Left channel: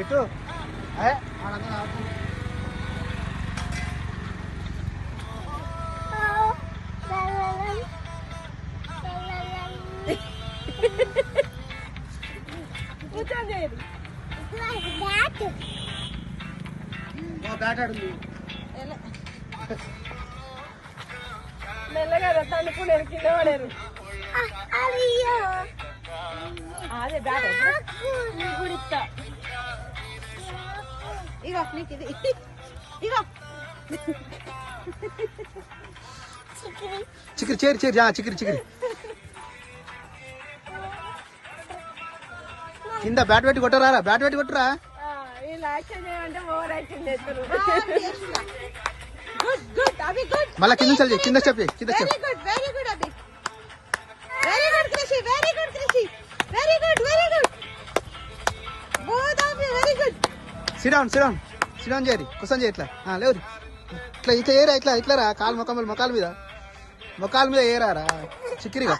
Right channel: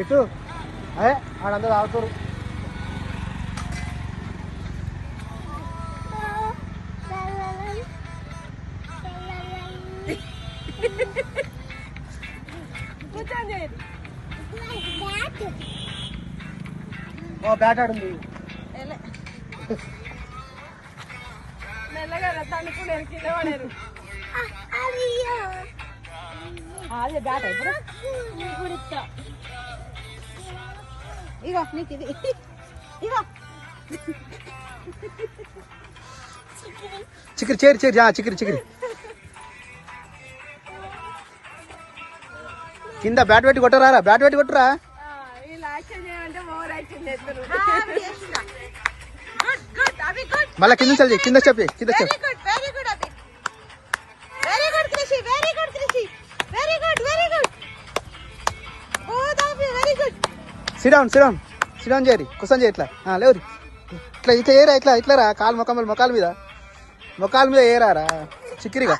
ఇటు ఆడందరూ ఆడుకోరు. బ్యాట్ ఆడుంది. మెల్లగా తండుకునేది కింద పడేరు. అదే బ్యాట్ కూడా ఇస్తా. ఇగో నీకు ఇది ఇగో చిక్కిరి చేరి చేరి చిక్కిరి చిక్కిరి కింద బ్యాట్ పెట్టి కొట్టరా, బ్యాట్ పెట్టి కొట్టరా. మళ్ళా కింద చల్లి, కింద చెప్పి కింద చెప్పి. సిడౌన్ సిడౌన్ సిడౌన్ చేయరి, కుసం చేయి. ఇట్లా లేవు ఇట్లా ఇట్లా ఏరా, ఇట్లా ఇట్లా రా. కాలు మొకాల మీద ఏరారా చిక్కిరిగా.